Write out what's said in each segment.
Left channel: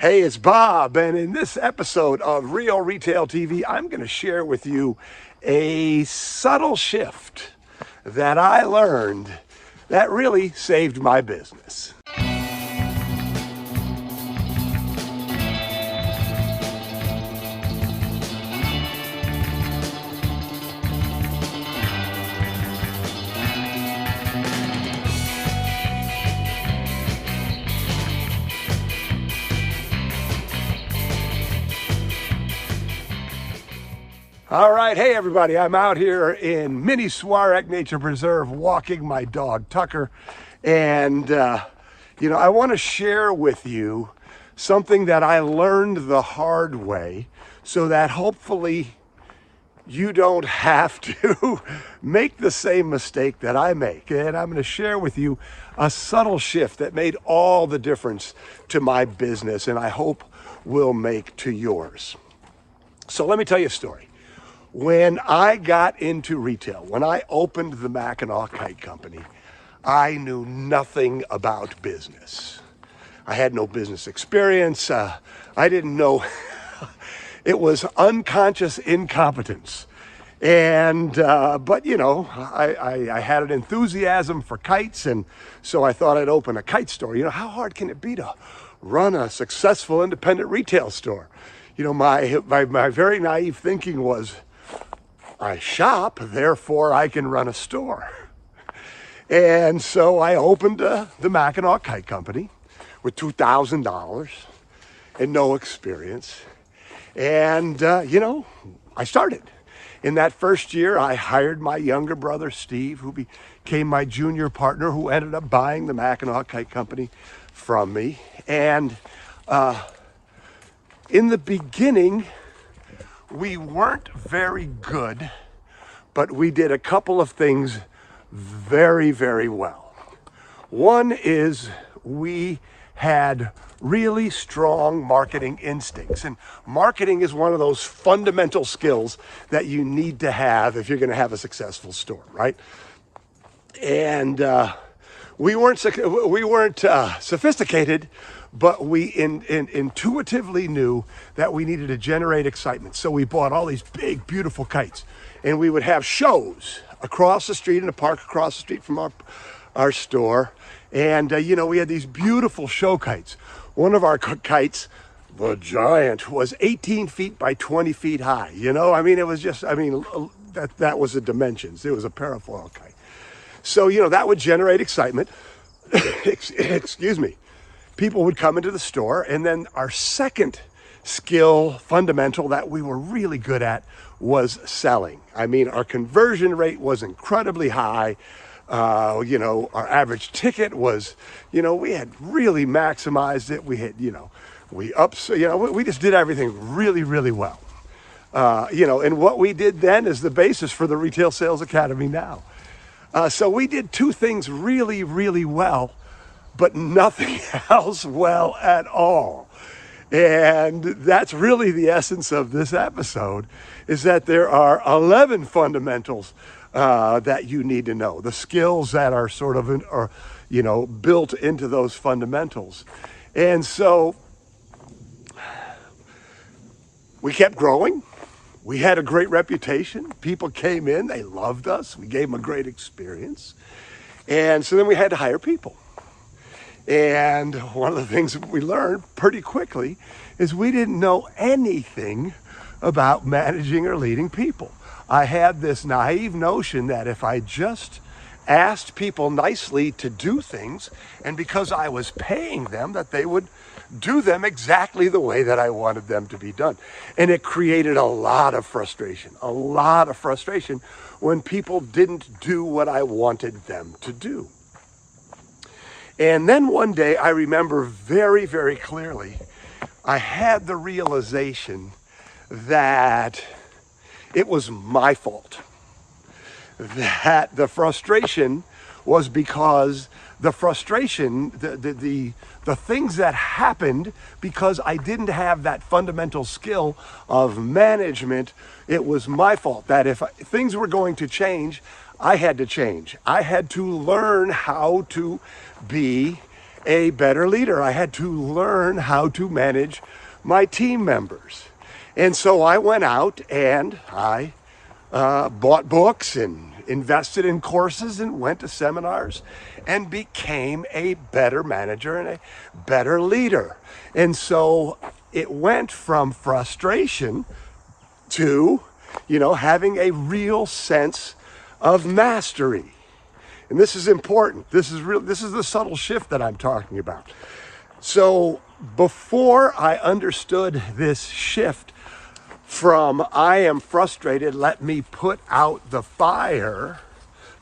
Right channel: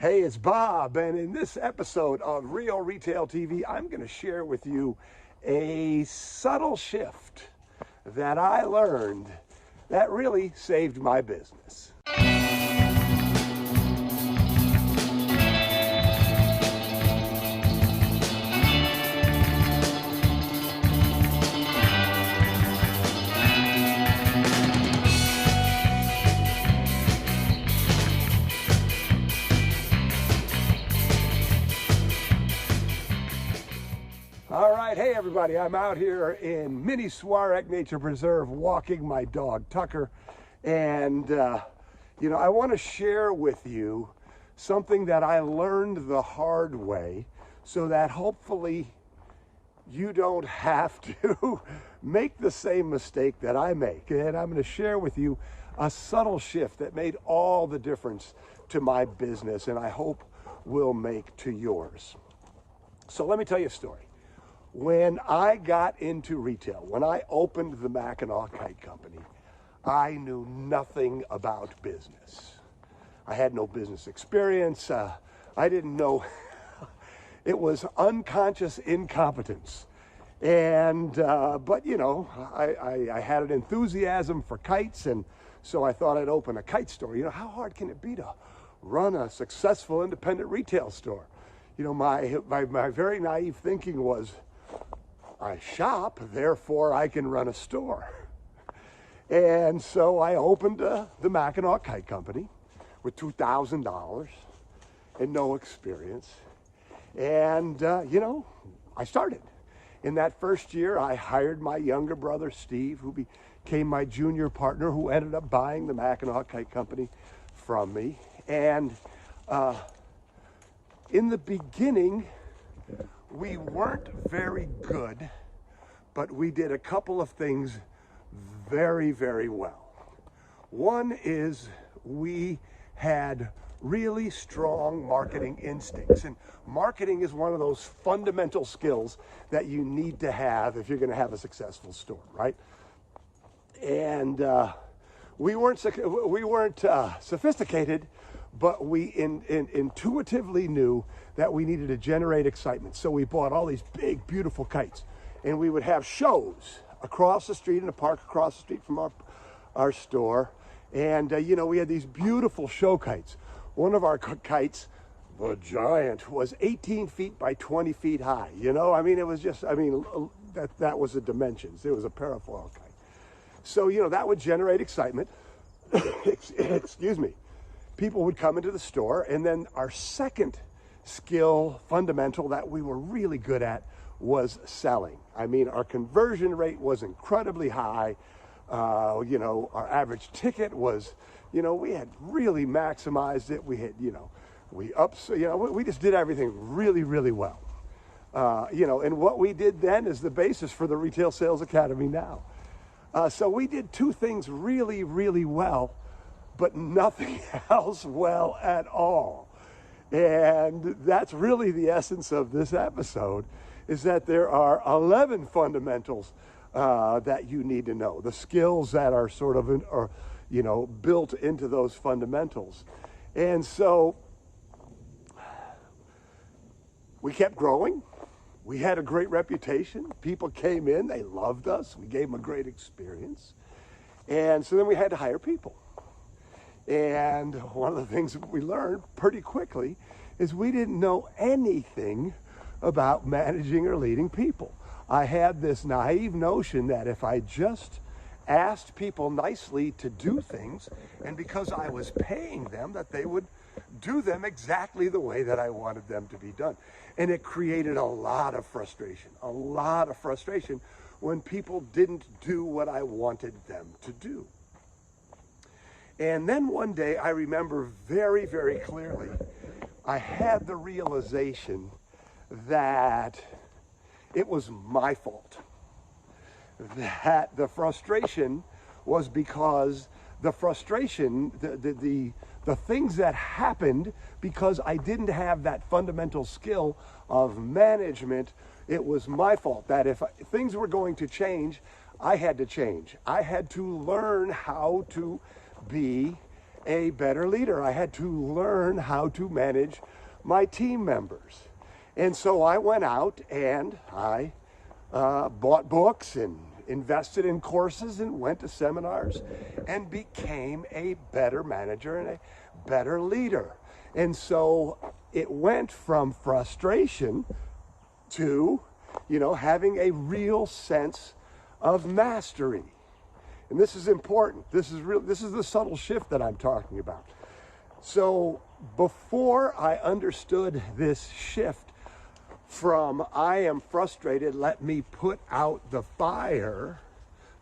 Hey, it's Bob, and in this episode of Real Retail TV, I'm going to share with you a subtle shift that I learned that really saved my business. All right, hey everybody, I'm out here in Mini Swarek Nature Preserve walking my dog Tucker, and I want to share with you something that I learned the hard way so that hopefully you don't have to make the same mistake that I make. And I'm going to share with you a subtle shift that made all the difference to my business, and I hope will make to yours. So let me tell you a story. When I got into retail, when I opened the Mackinaw Kite Company, I knew nothing about business. I had no business experience. I didn't know. It was unconscious incompetence. And, but I had an enthusiasm for kites, and so I thought I'd open a kite store. How hard can it be to run a successful independent retail store? My very naive thinking was, I shop, therefore I can run a store. And so I opened the Mackinaw Kite Company with $2,000 and no experience. And, I started. In that first year, I hired my younger brother, Steve, who became my junior partner, who ended up buying the Mackinaw Kite Company from me. And in the beginning, we weren't very good, but we did a couple of things very, very well. One is we had really strong marketing instincts, and marketing is one of those fundamental skills that you need to have if you're going to have a successful store, right? And we weren't sophisticated, but we intuitively knew that we needed to generate excitement. So we bought all these big, beautiful kites, and we would have shows across the street in a park across the street from our store. And, we had these beautiful show kites. One of our kites, the Giant, was 18 feet by 20 feet high. It was just, that was the dimensions. It was a parafoil kite. So, that would generate excitement. Excuse me. People would come into the store, and then our second skill fundamental that we were really good at was selling. Our conversion rate was incredibly high. Our average ticket was, we had really maximized it. We had, we just did everything really, really well. And what we did then is the basis for the Retail Sales Academy now. So we did two things really, really well, but nothing else well at all. And that's really the essence of this episode, is that there are 11 fundamentals that you need to know, the skills that are sort of built into those fundamentals. And so we kept growing. We had a great reputation. People came in, they loved us. We gave them a great experience. And so then we had to hire people. And one of the things we learned pretty quickly is we didn't know anything about managing or leading people. I had this naive notion that if I just asked people nicely to do things, and because I was paying them, that they would do them exactly the way that I wanted them to be done. And it created a lot of frustration when people didn't do what I wanted them to do. And then one day, I remember very, very clearly, I had the realization that it was my fault. That the frustration was because the things that happened because I didn't have that fundamental skill of management, it was my fault. That if things were going to change, I had to change. I had to learn how to be a better leader. I had to learn how to manage my team members. And so I went out and I bought books and invested in courses and went to seminars and became a better manager and a better leader. And so it went from frustration to, having a real sense of mastery. And this is important. This is the subtle shift that I'm talking about. So before I understood this shift from I am frustrated, let me put out the fire,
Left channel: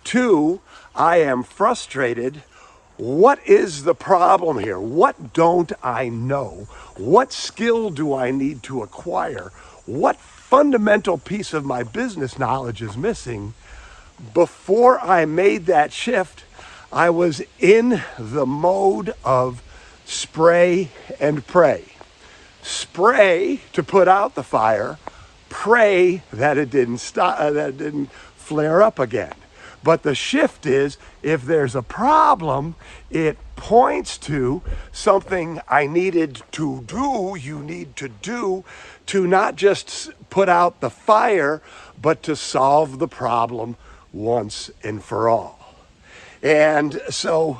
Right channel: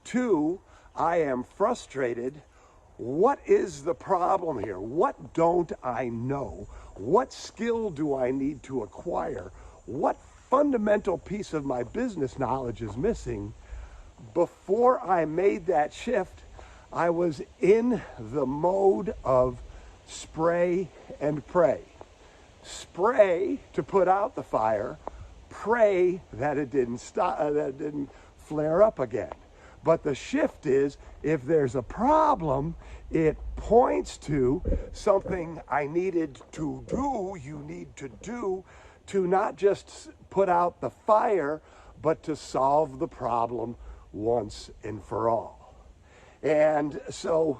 to I am frustrated, what is the problem here? What don't I know? What skill do I need to acquire? What fundamental piece of my business knowledge is missing? Before I made that shift, I was in the mode of spray and pray. Spray to put out the fire, pray that it didn't stop, that it didn't flare up again. But the shift is, if there's a problem, it points to something I needed to do, you need to do, to not just put out the fire, but to solve the problem once and for all. And so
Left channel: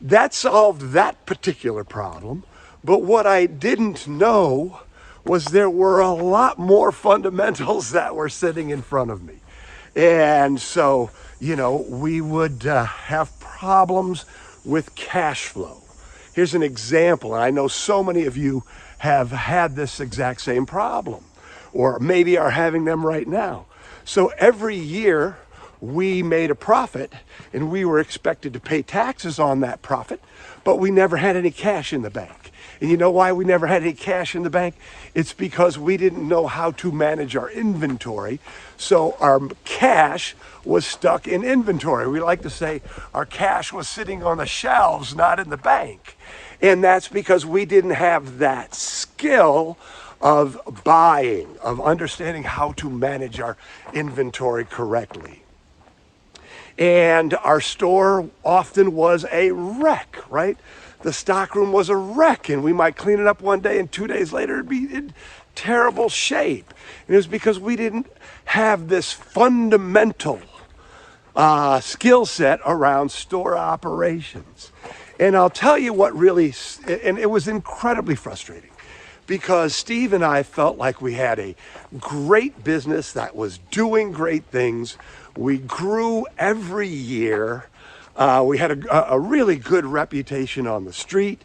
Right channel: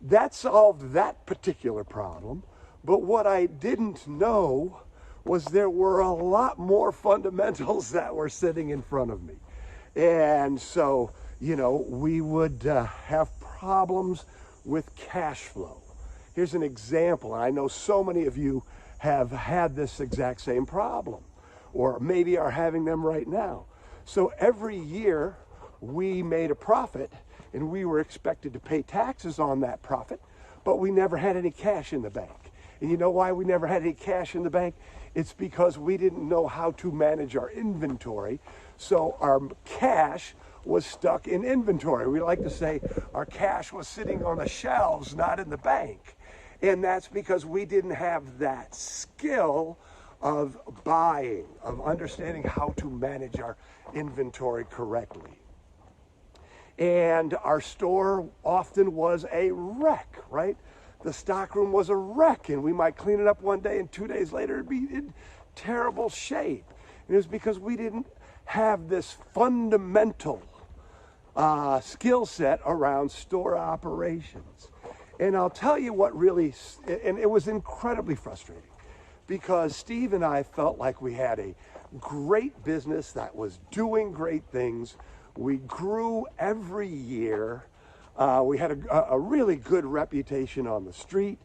that solved that particular problem. But what I didn't know was there were a lot more fundamentals that were sitting in front of me. And so, we would have problems with cash flow. Here's an example, and I know so many of you have had this exact same problem, or maybe are having them right now. So every year we made a profit and we were expected to pay taxes on that profit, but we never had any cash in the bank. And you know why we never had any cash in the bank? It's because we didn't know how to manage our inventory. So our cash was stuck in inventory. We like to say our cash was sitting on the shelves, not in the bank. And that's because we didn't have that skill of buying, of understanding how to manage our inventory correctly. And our store often was a wreck, right? The stockroom was a wreck, and we might clean it up one day and 2 days later it'd be in terrible shape. And it was because we didn't have this fundamental skill set around store operations. And I'll tell you what really, and it was incredibly frustrating, because Steve and I felt like we had a great business that was doing great things. We grew every year. We had a really good reputation on the street,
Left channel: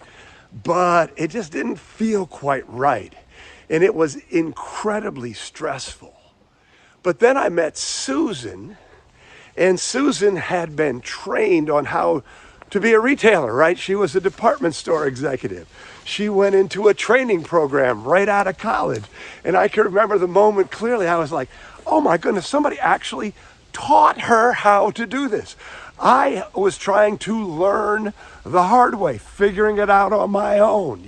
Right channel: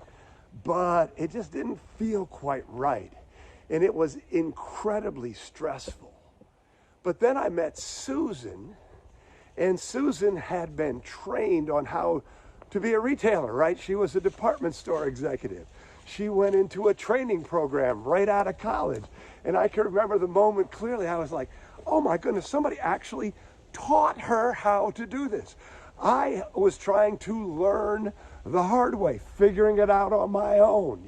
but it just didn't feel quite right. And it was incredibly stressful. But then I met Susan, and Susan had been trained on how to be a retailer, right? She was a department store executive. She went into a training program right out of college. And I can remember the moment clearly. I was like, oh my goodness, somebody actually taught her how to do this. I was trying to learn the hard way, figuring it out on my own,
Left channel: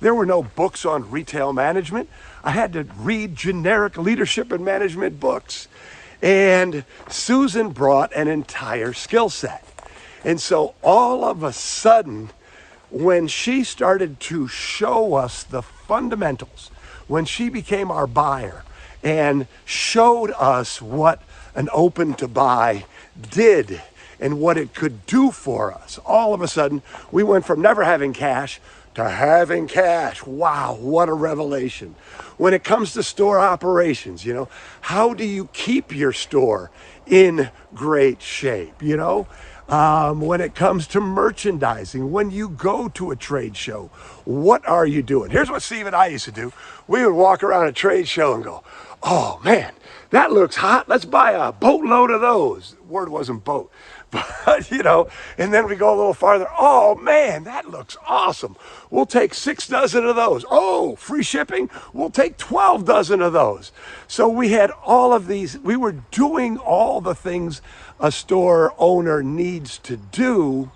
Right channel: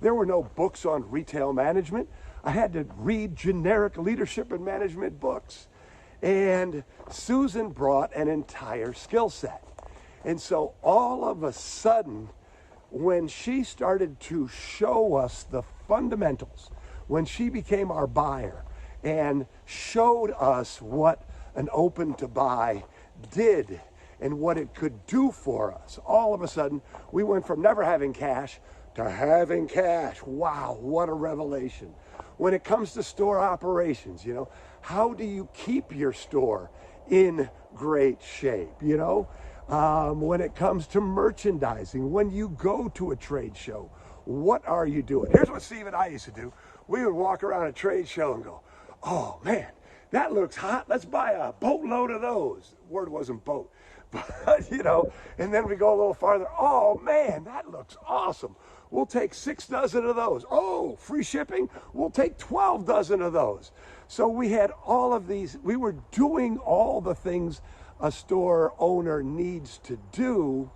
There were no books on retail management. I had to read generic leadership and management books. And Susan brought an entire skill set. And so all of a sudden, when she started to show us the fundamentals, when she became our buyer and showed us what an open to buy did and what it could do for us, all of a sudden we went from never having cash to having cash. Wow, what a revelation. When it comes to store operations, how do you keep your store in great shape, when it comes to merchandising, when you go to a trade show, what are you doing? Here's what Steve and I used to do. We would walk around a trade show and go, oh man, that looks hot. Let's buy a boatload of those. The word wasn't boat, but and then we go a little farther. Oh man, that looks awesome. We'll take 6 dozen of those. Oh, free shipping. We'll take 12 dozen of those. So we had all of these. We were doing all the things a store owner needs to do,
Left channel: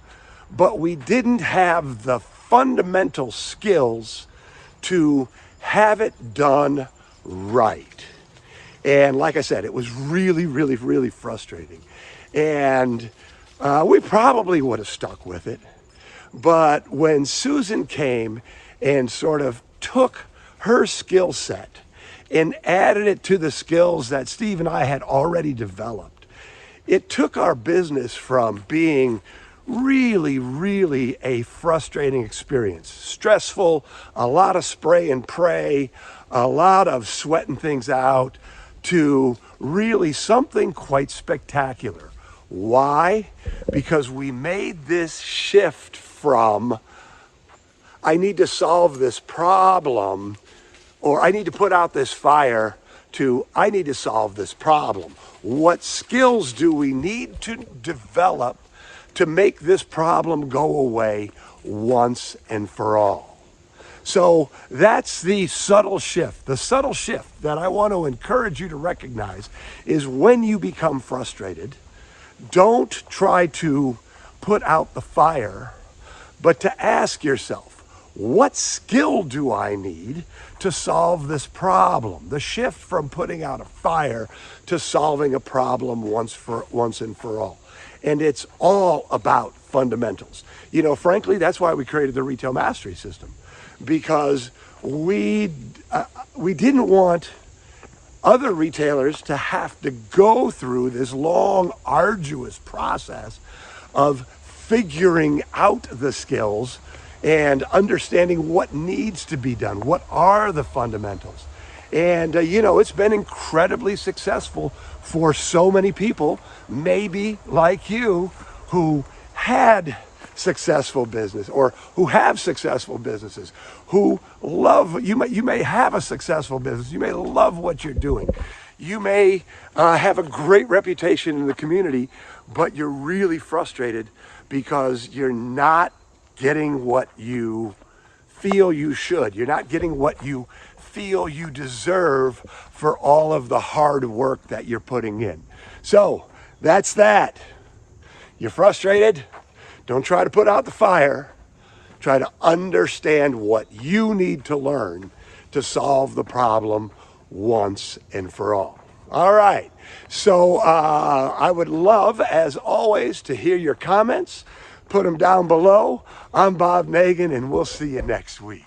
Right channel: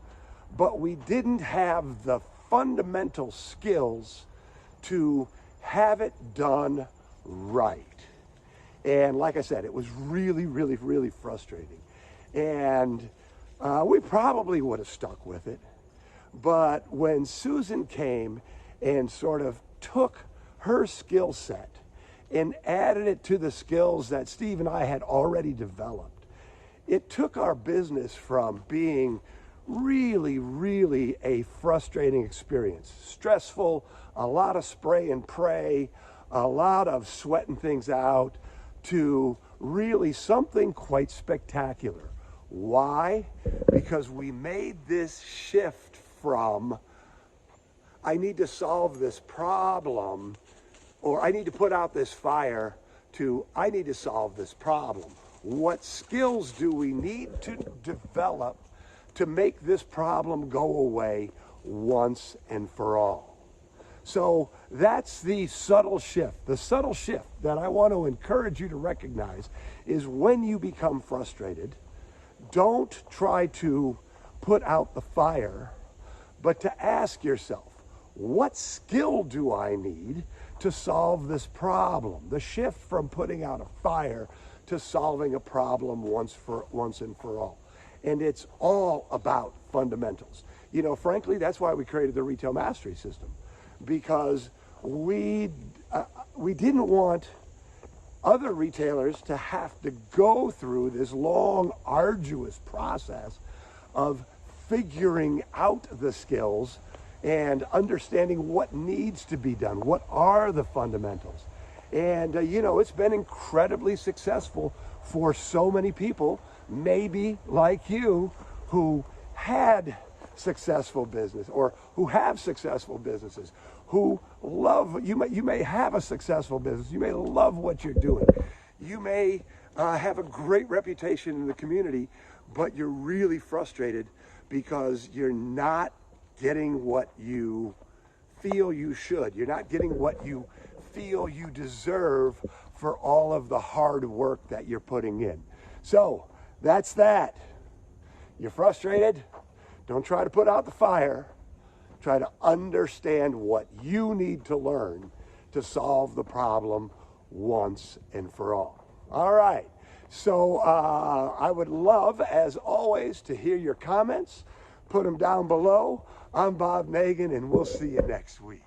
but we didn't have the fundamental skills to have it done right. And like I said, it was really, really, really frustrating. And we probably would have stuck with it, But when Susan came and sort of took her skill set and added it to the skills that Steve and I had already developed, it took our business from being really a frustrating experience. Stressful, a lot of spray and pray, a lot of sweating things out, to really something quite spectacular. Why? Because we made this shift from, I need to solve this problem, or I need to put out this fire, to I need to solve this problem. What skills do we need to develop to make this problem go away once and for all? So that's the subtle shift. The subtle shift that I want to encourage you to recognize is when you become frustrated, don't try to put out the fire, but to ask yourself, what skill do I need to solve this problem? The shift from putting out a fire to solving a problem once and for all. And it's all about fundamentals. You know, frankly, that's why we created the Retail Mastery System, because we didn't want other retailers to have to go through this long, arduous process of figuring out the skills and understanding what needs to be done. What are the fundamentals? And, you know, it's been incredibly successful for so many people, maybe like you, who had successful business, or who have successful businesses, who love, you may have a successful business, you may love what you're doing, you may have a great reputation in the community, but you're really frustrated because you're not getting what you feel you should. You're not getting what you feel you deserve for all of the hard work that you're putting in. So that's that. You're frustrated? Don't try to put out the fire. Try to understand what you need to learn to solve the problem once and for all. All right. So I would love, as always, to hear your comments. Put them down below. I'm Bob Nagan, and we'll see you next week.